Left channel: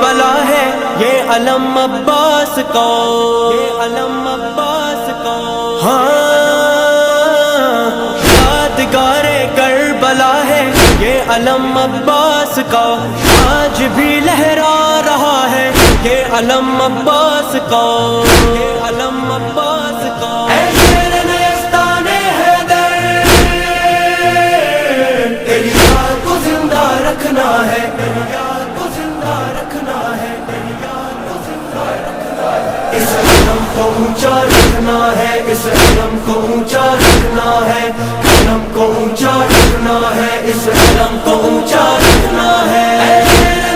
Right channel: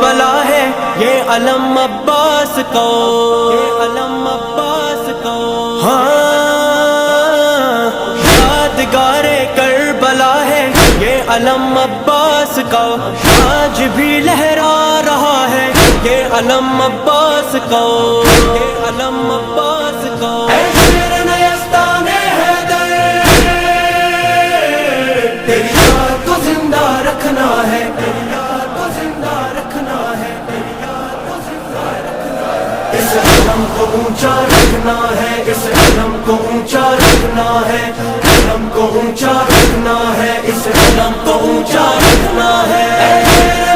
کربلا ہے یہ علم عباس کو، یہ علم عباس کو، یادگار کربلا ہے یہ علم عباس کا، آج بھی لہرا رہا ہے یہ علم عباس کا، یہ علم عباس کا۔ اے شیر نیستان حیدر، تیری یاد کو زندہ رکھنا ہے، تیری یاد کو زندہ رکھنا ہے، تیری یاد کو زندہ رکھنا ہے، اس علم کو اونچا رکھنا ہے، اس علم کو اونچا رکھنا ہے، علم کو اونچا رکھنا ہے، اس علم کو اونچا رکھنا ہے۔